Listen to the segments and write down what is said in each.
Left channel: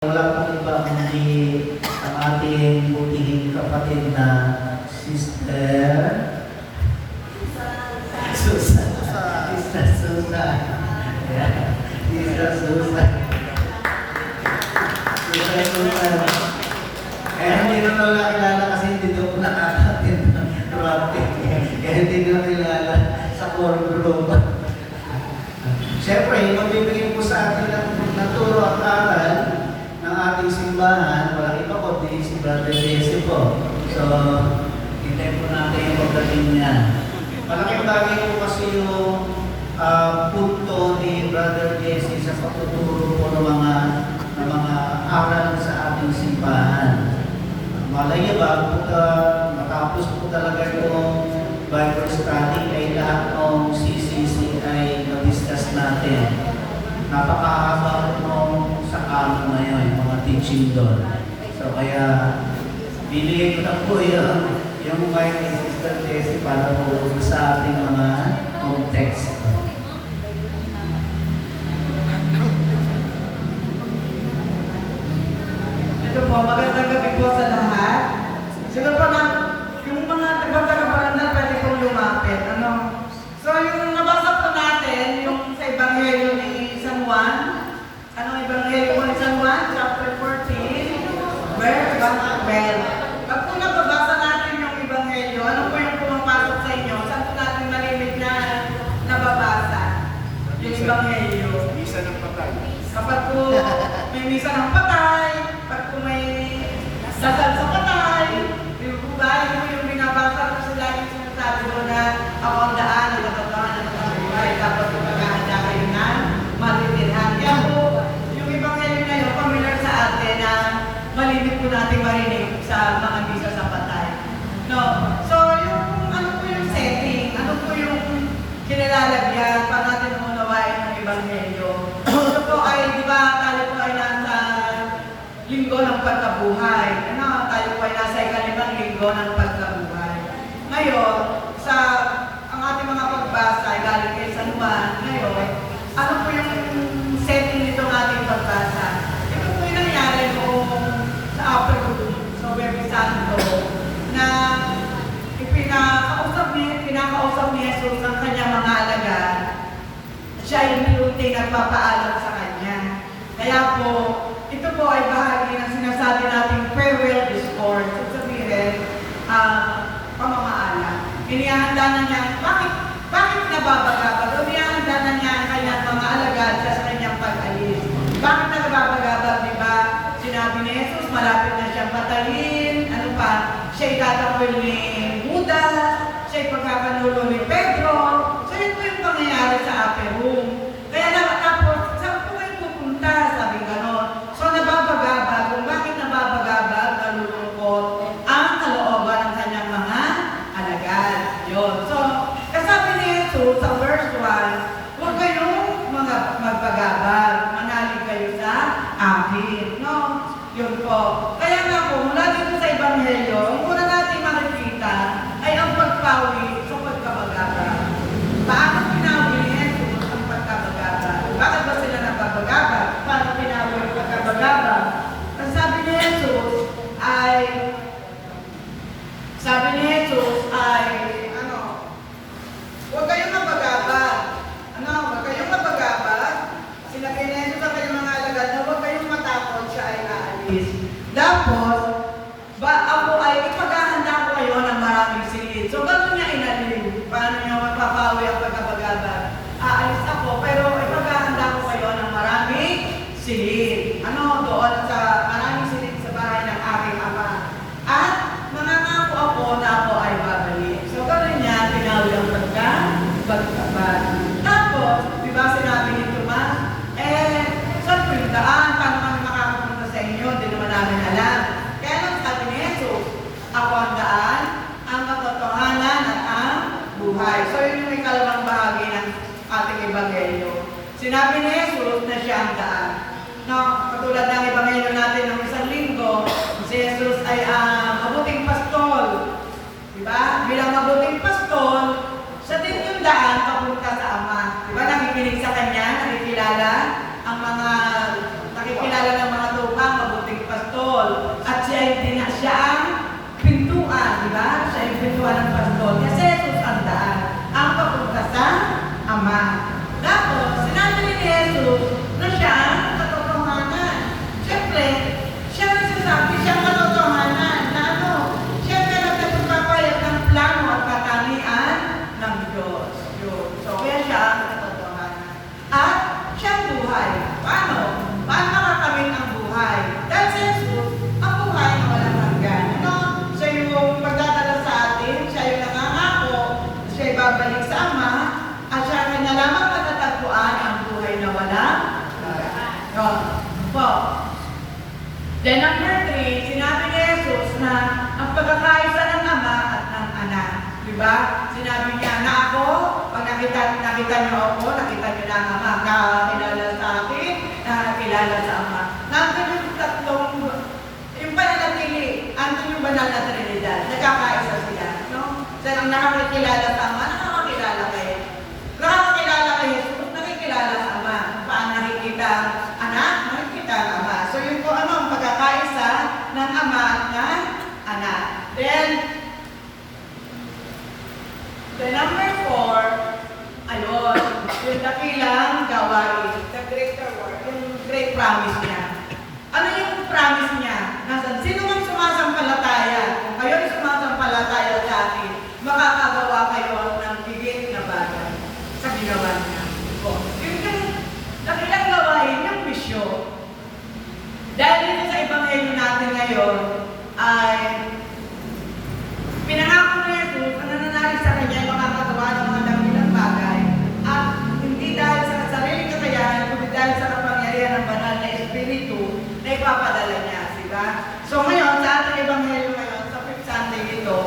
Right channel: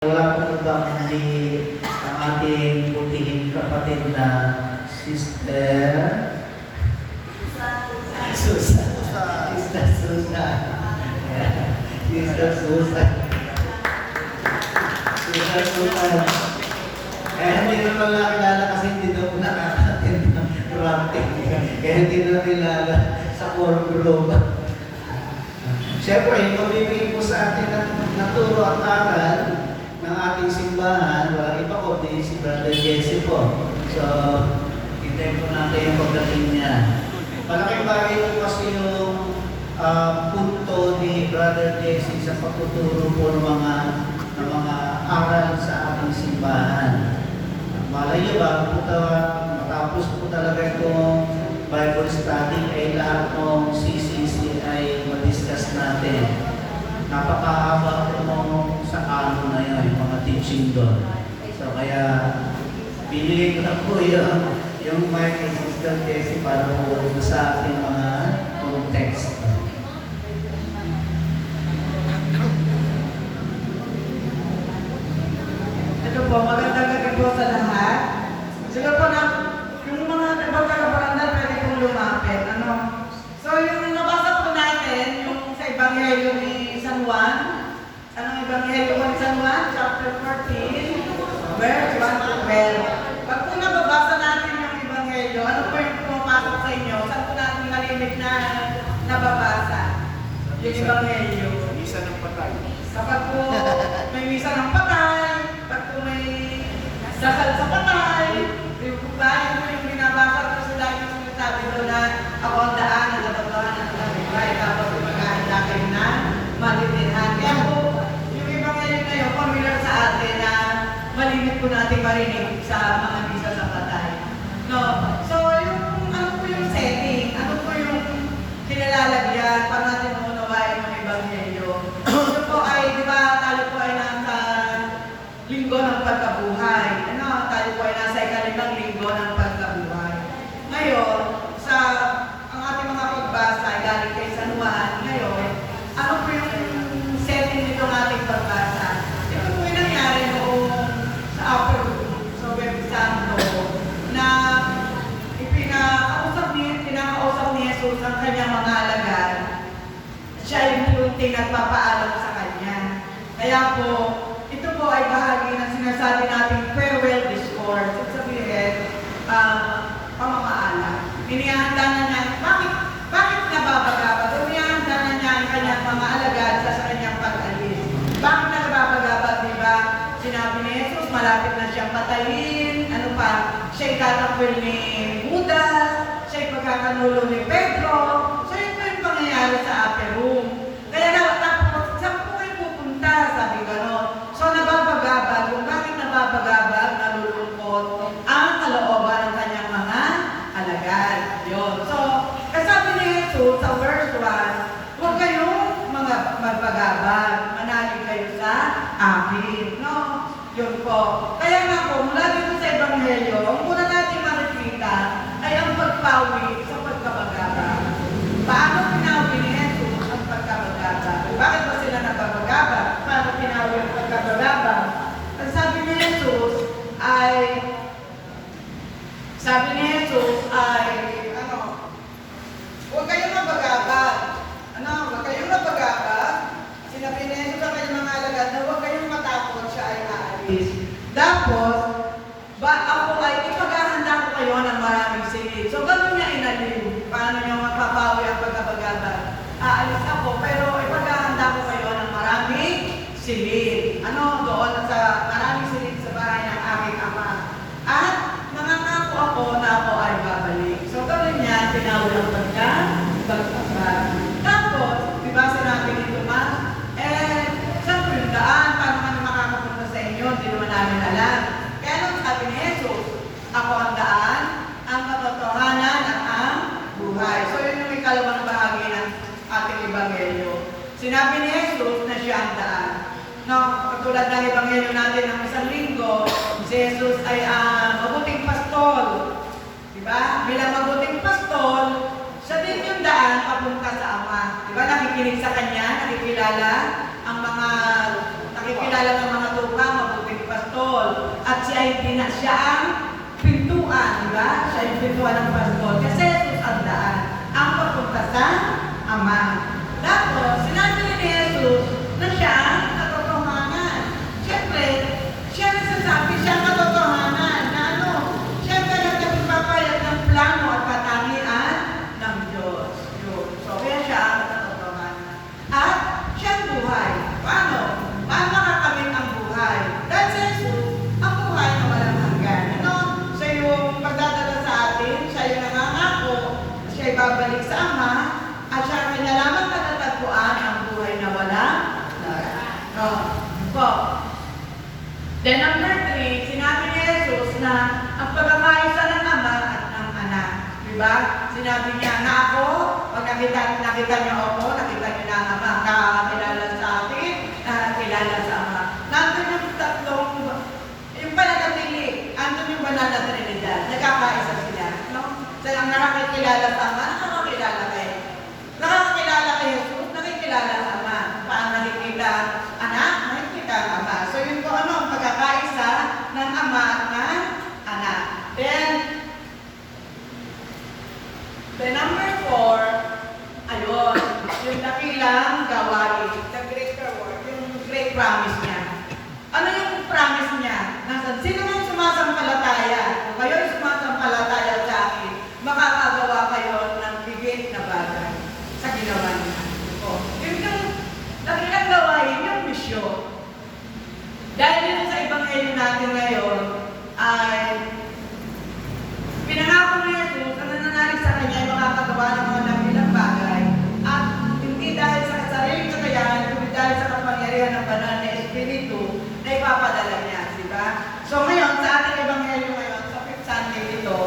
Wala pong ibang hindi ang ating butihing kapatid na Sister Susan. Sister Susan. Sister Susan. Sister Susan. Hindi na ito nakilala kasi hindi daw po nakakatin ng rapping. Kaya hindi na kilala sa core group. Siyempre, mabibigay po sa atin ng turo at aral ng ating simbahan, walang iba ko, din si Brother Jesse po. So, hintay po natin yung pagdating niya. Malaking bagay po kasi yung punto ni Brother Jesse sa pagtuturo po ng mga aral sa ating simbahan. Malay niyo ba, matapos po talaga itong Bible study ay lahat ng CCC ay ma-discuss natin. Napakahaba po sa kanon na yun, yung mga teaching doon. So kaya, binigay ko na po yung mic kay Sister Jessie para po sa ating mga text. Ito po, magandang gabi po sa lahat. Siguro po na, yung mga nagpagkakabarandan pwede pong lumapit. So yung nabasa po natin, yung sa Ebanghelyo ni San Juan, anong Ebanghelyo ni San Juan? Chapter 14, verse 1 to 12. Pag po nababasa natin yung Ebanghelyo, ano po yung pumapasok sa inyo? Saan po natin narinig na nababasa? Yung Ebanghelyo. Misa ng patay. Kapag po may misa ng patay, pag po may dasal sa patay, di po ba? Yun po yung binabasa ko sa lagi sinasabi doon na ako ang daan, nagkatotohan ng buhay. Tapos maghahanda kayo na maritirhan. Kaya po, yung Ebanghelyo ngayon, familiar sa atin na malimit po natin marinig sa mga misa sa patay. No? So, yung ano po yung setting, ano po yung kinalalagyan para natin unawain ng Ebanghelyo. Ito po ay, di ba, tayo po ay nasa linggo ng pagkabuhay. Tayo po ay nasa ikalimang linggo ng pagkabuhay. Ngayon, ang ating mga pagbasa ay galing kay San Juan. Ngayon, ano po yung setting nito ng ating pagbasa? Ito po yung nangyari noong sa upper room, sa Webby Santo, na pinakausap ni Jesus ang kanyang mga alagad. Siya yung unti nagpapaalam sa kanya. Kaya po, ito po ay bahagi ng sinasabi nating farewell discourse. So sabihin, pamamaala. Inihanda na niya, bakit nababagabag? Inihanda na niya ang kanyang mga alagad sa kanyang pag-alis. Bakit nababagabag, di ba? Sinabi ni Jesus, malapit na siyang patayin. Ano pa? Siya'y tatakwil ni Judas. Siya'y pagkakanulo ni Pedro. So yun po yung pangyayari sa upper room. Kaya tapos, saan po kayo pupunta? Sabi gano'n. So nababagabag. Kung bakit nababagabag, nalulungkot ang kalooban ng kanyang mga alagad. Yun. So, kasabi ni Jesus sa verse 1, huwag kayong magbagabag. Manalig kayo sa akin. No? Yun po. Kaya nga po, mula dito sa Ebanghelyo, ang muna natin makikita ay ang pagpawi sa pagkabagabag. Paano pinawi ni Jesus ang pagkabagabag? Bakit ba sila nagkabagabag? Paano pinawi ang pagkabagabag? Ang sabi ni Jesus ay, huwag kayong mabagabag. Huwag kayong mabagabag. Sinabi ni Jesus sa kanyang mga alagad na huwag kayong matakot, siya ay aalis. Tapos, ako ay ipaghahanda ko kayo ng maraming silid. So, gano'n niya inalin. Paano niya magpapawi ang pagkabagabag? Aalis ako, pero ipaghahanda ko kayo ng maraming silid. Doon sa maraming silid sa bahay ng aking ama. At mangangako ako na ako ay babalik. So, gano'n niya tinawi ang pagkabagabag. Tapos, di ba sinabi ni Tomas, saan po yung daan? Paano kami makakapunta sa inyo? Hindi naman namin alam. Then number 3, sinabi ni Jesus na ang pagkakaisa ng Ama at ng Anak. Diba? Sinabi niya na ako, pag nakita niyo ako, nakita niyo na ang Ama, nakakilala sa akin, nakakilala sa Ama. Nandun yung tatlong, yung pananatili, andun yung banal na Trinidad, nagkakaisa sila. No? So, ang nakakilala sa Ama, nakakilala kayo. Nakakilala kay Jesus, nakikilala sa Ama. Paano nakikita Anak? Nakikita ang Ama. So, yun po ano, ang pagkakaisa ng Ama at ng Anak. Then number 4, ayun, yung dakilang gawain, the great reward, yung great promise niya. Ano yung promise niya? Nasaan? Sino man sumasampalataya? Kayo'y sumasampalataya sa akin, makakagawa kayo ng bigit na bagay sa ginawa niya. Yung dakilang gawain, yung misyon. Dahil dito sa Ebanghelyo natin ngayon, ay pinangako ni Jesus na nananalig sa kanya ay makakagawa ng mga dakilang bagay at hindi dahil sa sariling kakayahan, kundi dahil sa kapangyarihan ng banal na Espiritu na ipapadala niya, diba? So ngayon, sa ating Ebanghelyo ngayon, sa Fifth Sunday nito,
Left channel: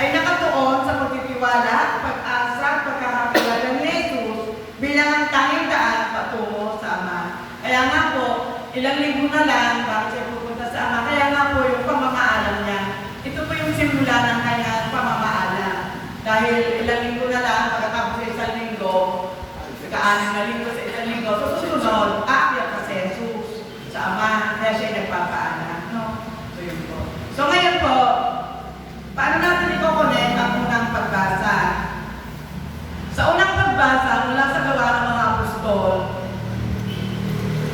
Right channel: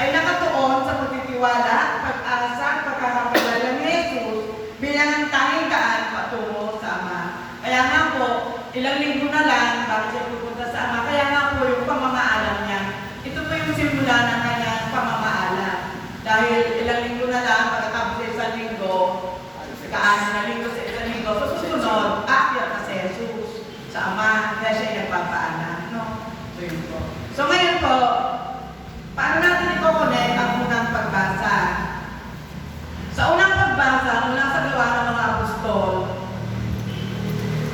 ay nakatuon sa pagtitiwala, pag-asa, pagkakakilala ni Jesus bilang ang tanging daan patungo sa Ama. Kaya nga po, ilang linggo na lang bago siya pupunta sa Ama, kaya nga po yung pamamaalam niya. Ito po yung simula ng kanyang pamamaalam. Dahil ilang linggo na lang, pagkatapos sa isang linggo, saka-anim na linggo sa isang linggo, so susunod, aakyat na si Jesus sa Ama, kaya siya nagpapaalam. No? So yun po. So ngayon po, paano natin i-connect ang unang pagbasa? Sa unang pagbasa, mula sa Gawa ng mga Apostol,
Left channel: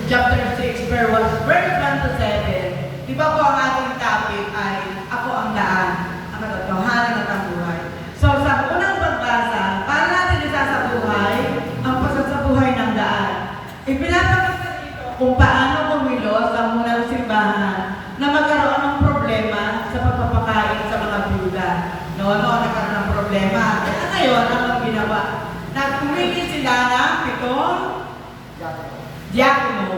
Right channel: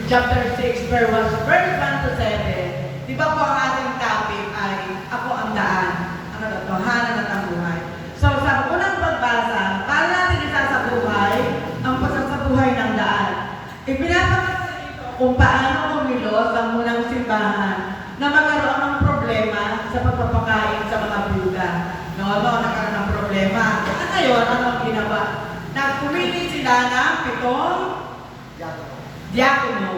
chapter 6, verse 1 to 7, di ba po ang ating topic ay ako ang daan, ang katotohanan at ang buhay. So sa unang pagbasa, paano natin isasabuhay ang pasasabuhay ng daan? Ipinapakita dito kung paano kumilos ang unang simbahan na magkaroon ng problema sa pagpapakain sa mga byuda. Nagkaroon ng problema. Kaya ngayon, ang ginawa, nagpumili sila ng pitong diakono.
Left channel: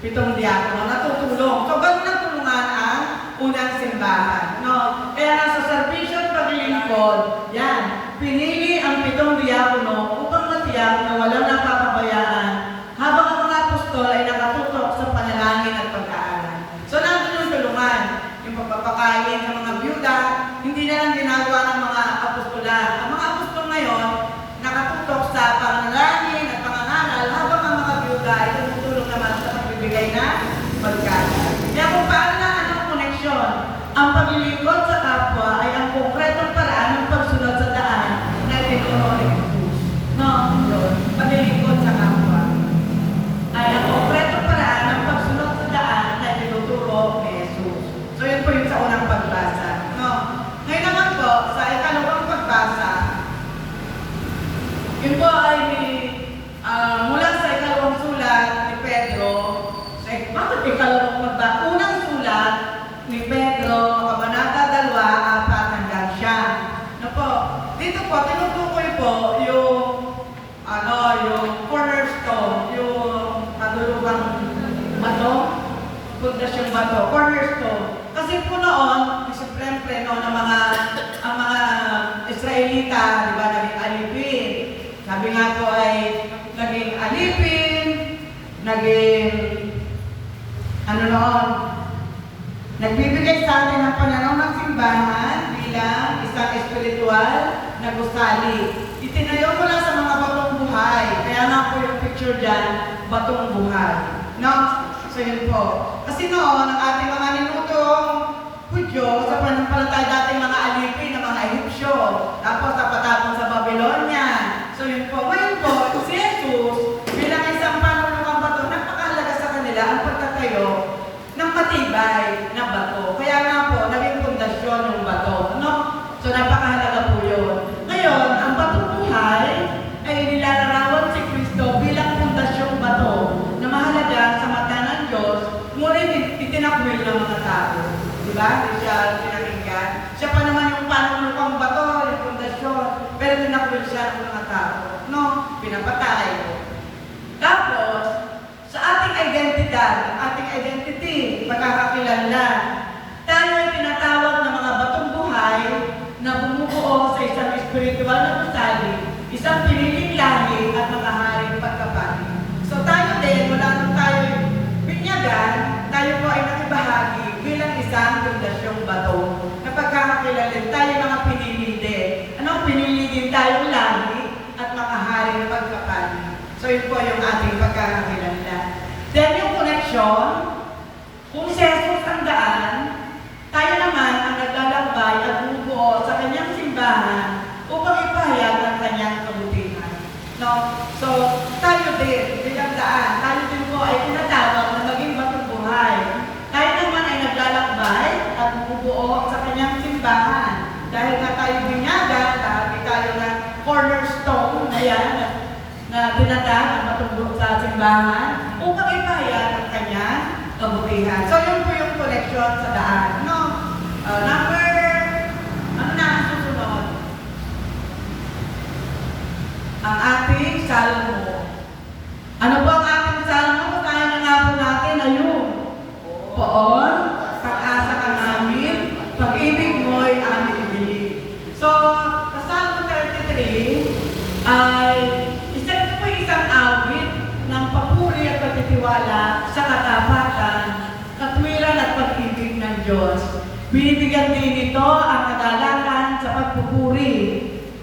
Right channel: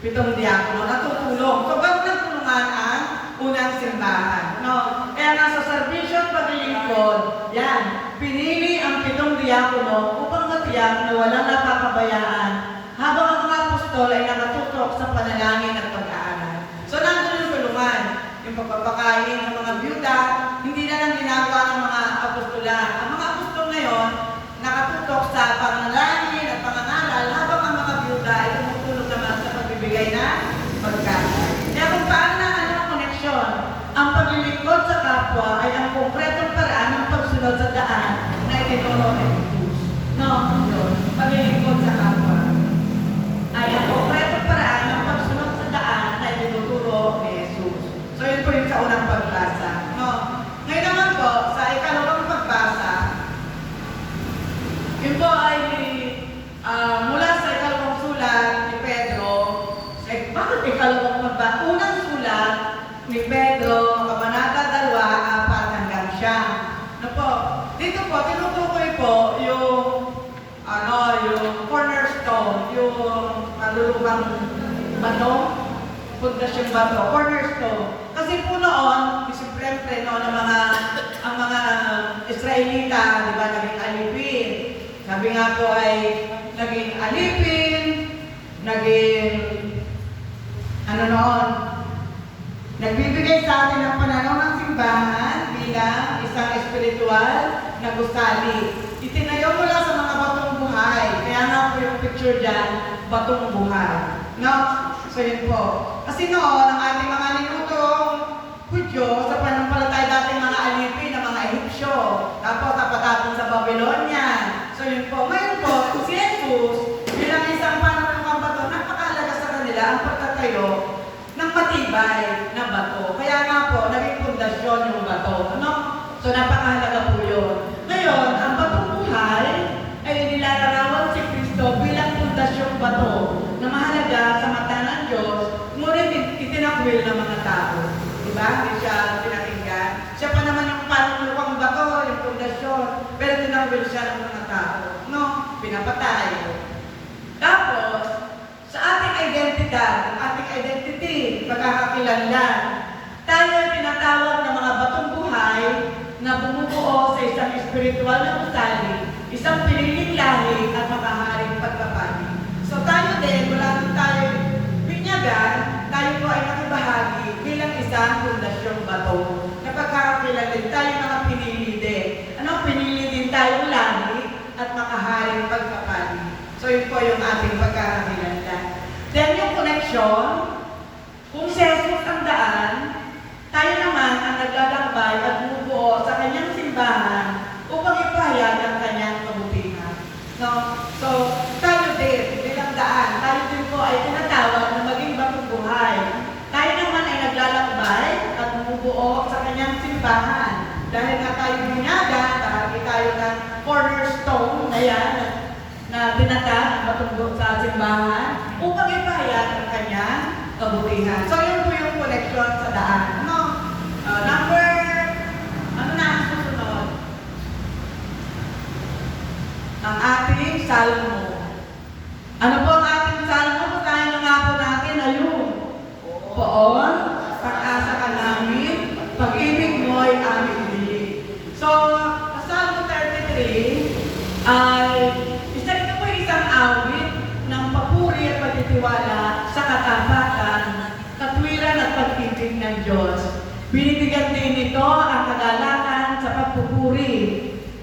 Pitong diakono na tutulong. So, ganun na tulungan ang unang simbahan. Kaya nasa servisyo at paglilingkod, yan, pinili ang pitong diakono upang matiyak na walang napapabayaan habang ang mga apostol ay nakatutok sa panalangin at pag-aaral. So, nandun yung tulungan, yung pagpapakain ng mga byuda, hindi na lang ginagawa ng mga apostolan. Ang mga apostol ngayon, nakatutok sa panalangin at pangangaral habang ang mga byuda ay tumutulong naman sa pagbibigay na pagkain. Kaya kung paano na ang koneksyon, ang paglilingkod sa kapwa ay ang konkretong paraan ng pagsunod sa daan na itinuro ni Jesus. Yun. Paglilingkod sa kapwa ay ang konkretong paraan ng pagsunod sa daan na itinuturo ni Jesus. So yun po yung sa unang pagbasa. Ngayon naman po, sa ikalawang pagbasa, yun po ay mula sa ikalawang sulat ni Pedro. Bakit ikalawang pagbasa? Unang sulat ni Pedro, Kabanata 2, 4 hanggang 9. Dito po, tinutukoy po yung cornerstone, yung madulubang bato, pundasyong bato, cornerstone. Kasi po noon, siyempre noon ang mga Israelita, di ba, naging alipin. Sabi nga po ay naging alipin, naging nagbibigay sa atin ng pananaw ng simbahan bilang isang espiritual na gusali. Itinayo ko lang sa mga batong buhay. Kaya nga po yung picture dyan, batong buhay. So yun po. Kasi noon, ang ating mga ninutong Hudyo, sa panampalataya dating mga alipin ng mga Ehipsyo, tapos napatapon sa Babylonia. So yun po. Ngayon po, si Jesus, bilang isang panunong bato, napakahalaga sa kanila ang pagtatayo ng matibay na bato. Kaya nga po, naging pundasyon yung bato. So napakahalaga po yun. Ngayon, ang batong buhay ay nilalarawan si Kristo bilang pundasyong bato na mahalaga sa mata ng Diyos, ngunit itinakwil ng mga tao. Diba? Hindi siya pinakinggan. Siya pa naman yung panunukang bato, yung pundasyon, pero tinakwil siya ng mga tao. Pinapatay. Tapos, sa ating identidad, ating identity, kakilanlan. Tayo ay tinatawag ng mga batong buhay na bumubuo sa isang espiritual na gusali, isang piniling lahi at makaharing pagkapani. So tayo din, wala nang tayo binyagan, tayo po ay nakibahagi bilang isang pundasyong bato na pagkakakilanlan tayo mga pinili din. Ano? Pinili din tayong lahi at makaharing pagkapani. So yun po yung ating pagkakakilanlan. Then yung connection, kung si Jesus ang daan, tayo naman ang naglalakbay at bumubuo sa kanyang simbahan upang ipahayag ang kanyang kabutihan. No? So, tayo din, bilang daan, tayo din po ay tinatawag na maging batong buhay. Tayo naman ay naglalakbay at bumubuo sa kanyang simbahan. Dahil nga tayo binyagan, bahagi tayo ng cornerstone na yan, na tinatawag ang batong buhay sa simbahan upang ipahayag ang kanyang kabutihan. So, yun po yung connection sa daan. No? Number, ano na ang susunod? Ang ating salmo. Ano po ang ating salmo? Kaya na nga po natin na yun. Poon, pag-asa ka namin, pag-ibig mo'y aming bilig. So, sa Salmo 33, ay ito po isang awit ng papuri at pagtitiwala sa katapatan, katwiran at pag-ibig ng Diyos. Binibigyan din nito ang kagalakan sa pagpupuri.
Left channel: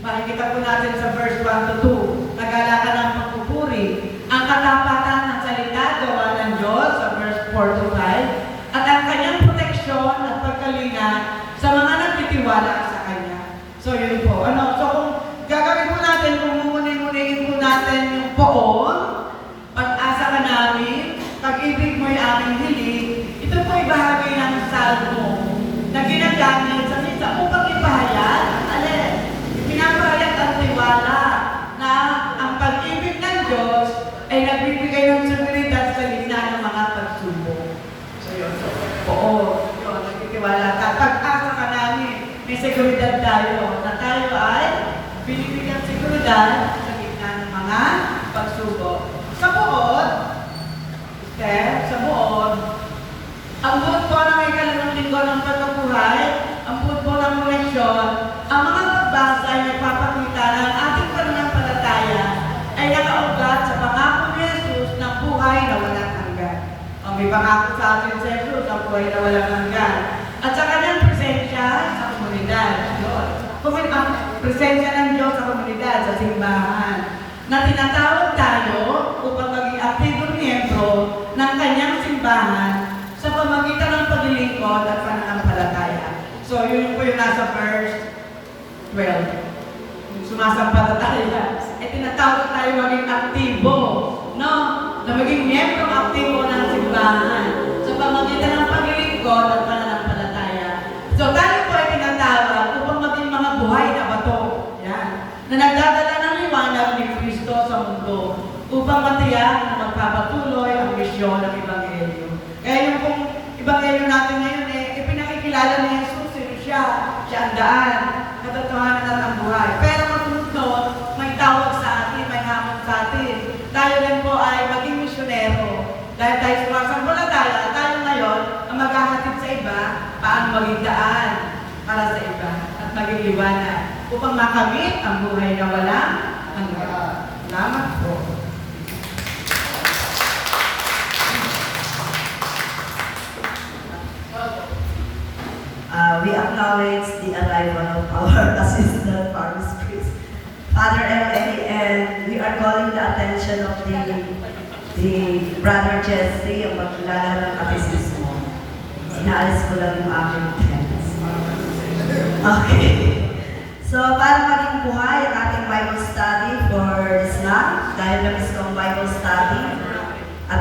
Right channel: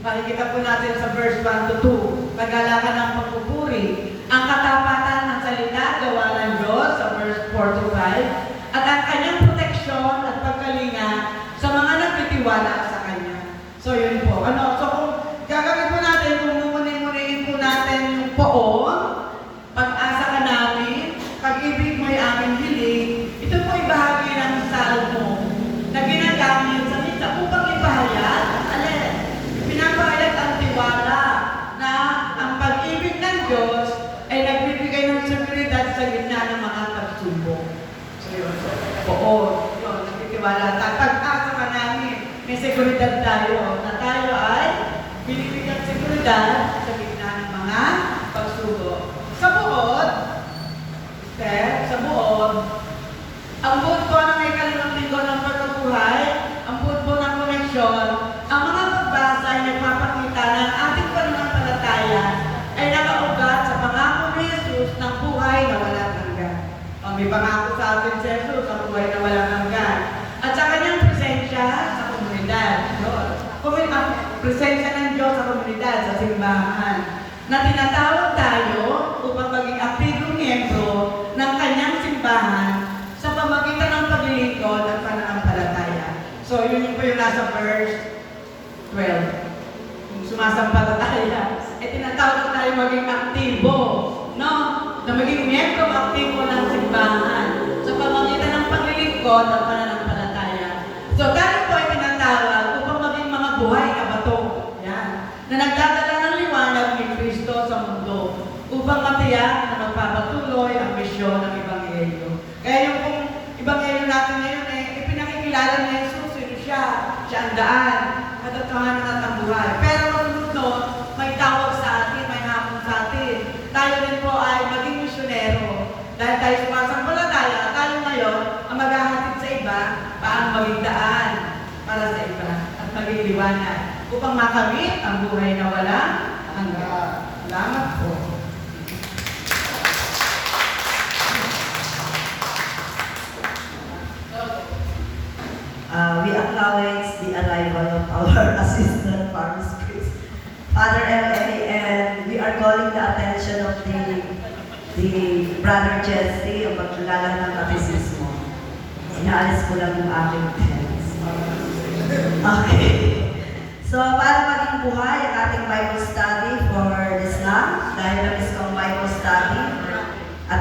Makikita po natin sa verse 1 to 2. Kagalakan ng pagpupuri. Ang katapatan ng salita gawa ng Diyos sa verse 4 to 5. At ang kanyang proteksyon at pagkalinga sa mga nagtitiwala sa kanya. So yun po. So kung gagawin po natin, kung mumuni-muniin po natin yung poon, pag-asa ka namin, pag-ibig mo'y aming hilig, ito po ay bahagi ng salmo na ginagamit sa minsan upang ipahayag, pinapahayag ang tiwala na ang pag-ibig ng Diyos ay nagbibigay ng seguridad sa gitna ng mga pagsubok. So yun po. Yun, nagtitiwala. Pag-asa ka namin, may seguridad tayo na tayo ay binibigyan seguridad sa gitna ng mga pagsubok. Sa buod, ang buod po ng ikalawang linggo ng pagkabuhay, ang buod po ng koneksyon, ang mga pagbasa ay nagpapakita na ang ating pananampalataya ay nakaugat sa pangako ni Jesus na buhay na walang hanggan. May pangako sa atin si Jesus ang buhay na walang hanggan. At sa kanyang presensya sa komunidad. Presensya ng Diyos sa komunidad, sa simbahan, na tinatawag tayo upang maging aktibong miyembro ng kanyang simbahan sa pamagitan ng paglilingkod at pananampalataya. So, yun po yung nasa verse 12. Yung sumasampalataya. Tinatawag tayo maging aktibo, no? Na maging miyembro aktibo ng simbahan sa pamagitan ng paglilingkod at pananampalataya. So, tayo po ay tinatawag upang maging mga buhay na bato. Yan. Na nagdadala ng liwanag ni Kristo sa mundo upang matiyak na magpapatuloy ang misyon ng Ebanghelyo. Kaya yung kung Ebanghelyo natin ngayon, ipinakikilala ni Jesus, siya ang daan, katotohanan at ang buhay. Pero masunod, may tawag sa atin, may hamon sa atin. Tayo din po ay maging misyonero. Dahil tayo sumasampalataya, tayo ngayon ang maghahatid sa iba, paano maging daan para sa iba at maging liwanag upang makamit ang buhay na walang hanggan. Salamat po. We acknowledge the arrival of our assistant, Paris Chris, Father L.A., and we are calling the attention of the Brother Jesse ang magkilala ng katisismo. Inaalis ko lang yung aking pens. Okay. So, para maging buhay ang ating Bible study for this month, dahil na-miss ko ang Bible study, at